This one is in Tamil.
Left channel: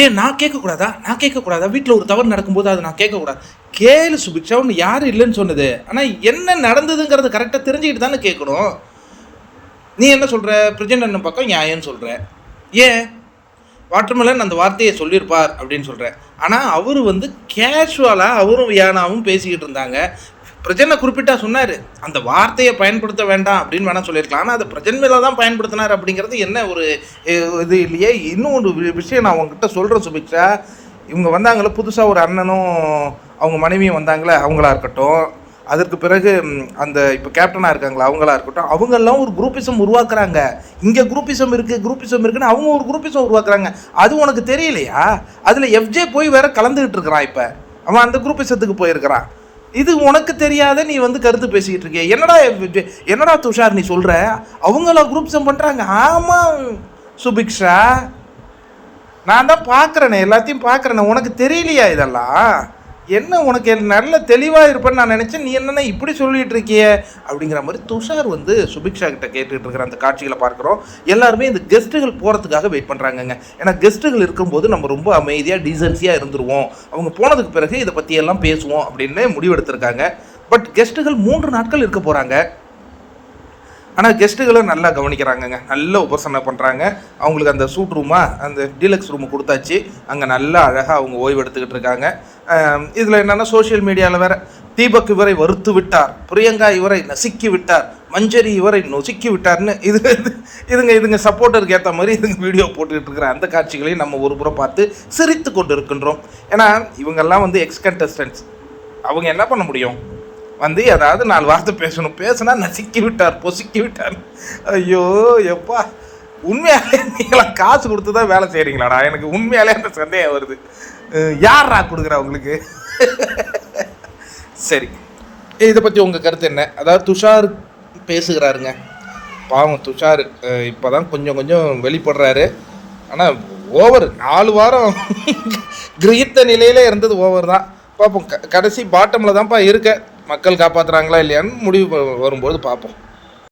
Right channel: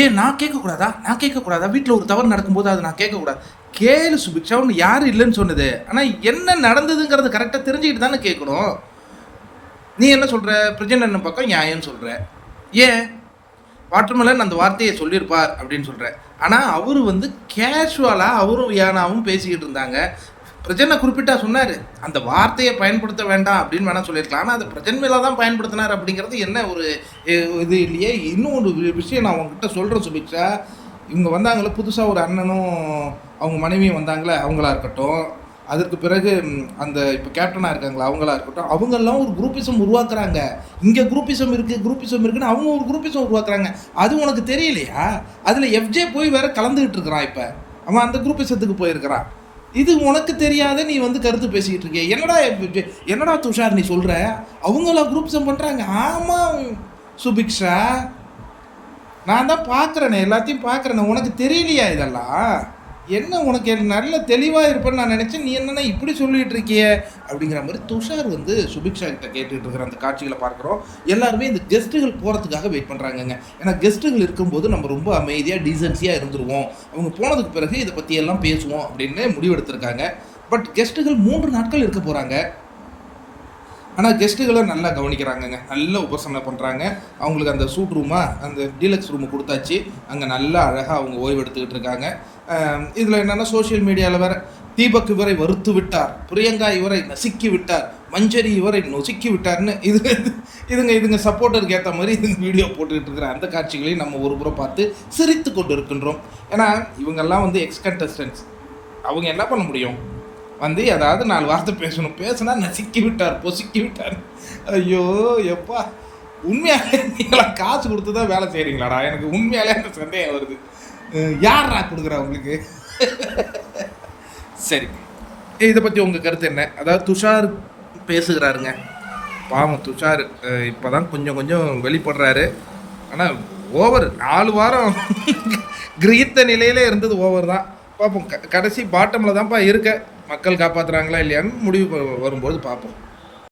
ஏன் நான் கேட்கக்கூடாதா? நான் கேட்கக்கூடாதா? வீட்டில் ஒரு தவறு நடக்கும்போது அதை நான் கேட்கக்கூடாது. கேளு சுபிக்ஷா, ஒன்று யாரும் இல்லைன்னு சொன்னது. ஆனால் என்ன நடந்ததுங்கிறது கரெக்டாக தெரிஞ்சுக்கிட்டு தானே கேட்கணும். நீ என்ன சொல்கிற? பிரஜன் பக்கம் நியாயம்னு சொல்கிற. ஏன் வாட்டர்மெலன் அந்த வார்த்தையை சொல்லியிருப்பார் அப்படின்னு சொல்கிறேன். ஆனால் அவர் வந்து கேஷுவலாக அவரும் வியானாவும் பேசிக்கிட்டு இருந்தாங்க. பிரஜனை குறிப்பிட்டா சொன்னார், அந்த வார்த்தையை பயன்படுத்த வேண்டாம் அப்படின்னு வேணால் சொல்லியிருக்கலாம். ஆனால் அதை பிரஜன் மேலே தான் பயன்படுத்தினார் அப்படிங்கிறது என்ன ஒரு இது இல்லையே. இன்னும் ஒரு விஷயம் நான் உங்ககிட்ட சொல்கிறேன் சுபிக்ஷா. இவங்க வந்தாங்களே புதுசாக ஒரு அண்ணனும் அவங்க மனைவியும் வந்தாங்களே, அவங்களா இருக்கட்டும், அதற்கு பிறகு அந்த இப்போ கேப்டனாக இருக்காங்களா அவங்களா இருக்கட்டும், அவங்கெல்லாம் ஒரு குரூப்பிசம் உருவாக்குறாங்க. இங்கே குரூப்பிசம் இருக்குன்னு அவங்க ஒரு குரூப்பிசம் உருவாக்குறாங்க. அது உனக்கு தெரியலையா? அதில் எஃப்ஜே போய் வேற கலந்துக்கிட்டு இருக்கிறான். இப்போ அவன் அந்த குரூப்பிசத்துக்கு போயிருக்கிறான். இது உனக்கு தெரியாத நீ வந்து கருத்து பேசிக்கிட்டு இருக்கிய. என்னடா துஷார் நீ சொல்கிற? அவங்கள குரூப்பிசம் பண்ணுறாங்க. ஆமாம் சுபிக்ஷா, நான் தான் பார்க்குறேனே, எல்லாத்தையும் பார்க்குறேனே. உனக்கு தெரியலையா இதெல்லாம்? என்ன உனக்கு நல்ல தெளிவாக இருப்பேன்னு நான் நினச்சேன். நீ என்னென்ன இப்படி சொல்லிகிட்டு இருக்கிய அப்படிங்கிற மாதிரி துஷார் வந்து சுபிக்ஷா கிட்ட கேட்டுக்கிட்டு இருக்கிற அந்த காட்சிகளை பார்க்குறோம். எல்லாருமே இந்த கெஸ்ட்டுகள் போகிறதுக்காக வெயிட் பண்ணுறாங்கங்க. ஏன்னா கெஸ்ட்டுகள் இருக்கும்போது நம்ம ரொம்ப அமைதியாக டீசன்சியாக இருந்துருவோம், அவங்க போனதுக்கு பிறகு இதை பற்றியெல்லாம் பேசுவோம் அப்படின்னு முடிவெடுத்திருக்காங்க. பட் கெஸ்ட்டுகள் 3 நாட்கள் இருக்க போகிறாங்க. ஆனால் கெஸ்ட்டுகளை நல்லா கவனிக்கிறாங்கங்க, நல்ல உபசரணை பண்ணுறாங்க. அவங்களுக்கு அந்த சூட் ரூமாக அந்த டீலக்ஸ் ரூமு கொடுத்தாச்சு. அங்கே நல்லா அழகாக அவங்க ஓய்வு எடுத்துக்கிட்டு இருக்காங்க. இதில் என்னென்னா சோஷியல் மீடியாவில் வேறு தீபக் இவரை வறுத்து விட்டார், பிரியங்கா இவரை நசுக்கி விட்டார், மஞ்சரி இவரை நொசுக்கி விட்டார்னு இதுங்க சப்போர்ட்டருக்கு ஏற்ற மாதிரி இதுங்க வீடியோ போட்டுக்கிட்டு இருக்கிற அந்த காட்சிகளையும் நம்ம ஒரு புறம் பார்த்து சிரித்து கொண்டு இருக்கின்றோம். ஏன்னா இவங்கெல்லாம் வந்து எக்ஸ் கண்டஸ்டன்ட்ஸ். அவங்க என்ன பண்ண முடியும்? வந்து ஏதாவது 4 வார்த்தை பேசணும். பேசுனா நசுக்கி விட்டார், பொசுக்கி விட்டார். ஐயோ எப்பா, உண்மையாலே நீங்களாம் காசு கொடுத்து தான் வேலை செய்கிறீங்களாடா? எனக்கு உண்மையாலே அந்த சந்தேகம் வருது. யாரா கொடுக்குறா உங்களுக்கு? சரி, இதை பற்றி உங்கள் கருத்து என்ன? அதாவது துஷார் பேசுகிறாருங்க. பாவம் துஷார் இப்போ தான் கொஞ்சம் வெளிப்படுறாரு. ஆனால் ஓவர் 4 வாரம் கிரகித்த நிலையிலே இருந்தது ஓவர் தான். பார்ப்போம், கடைசி பாட்டமில் தான்ப்பா இருக்க. மக்கள் காப்பாற்றுறாங்களா இல்லையான்னு முடிவு வரும்போது பார்ப்போம்.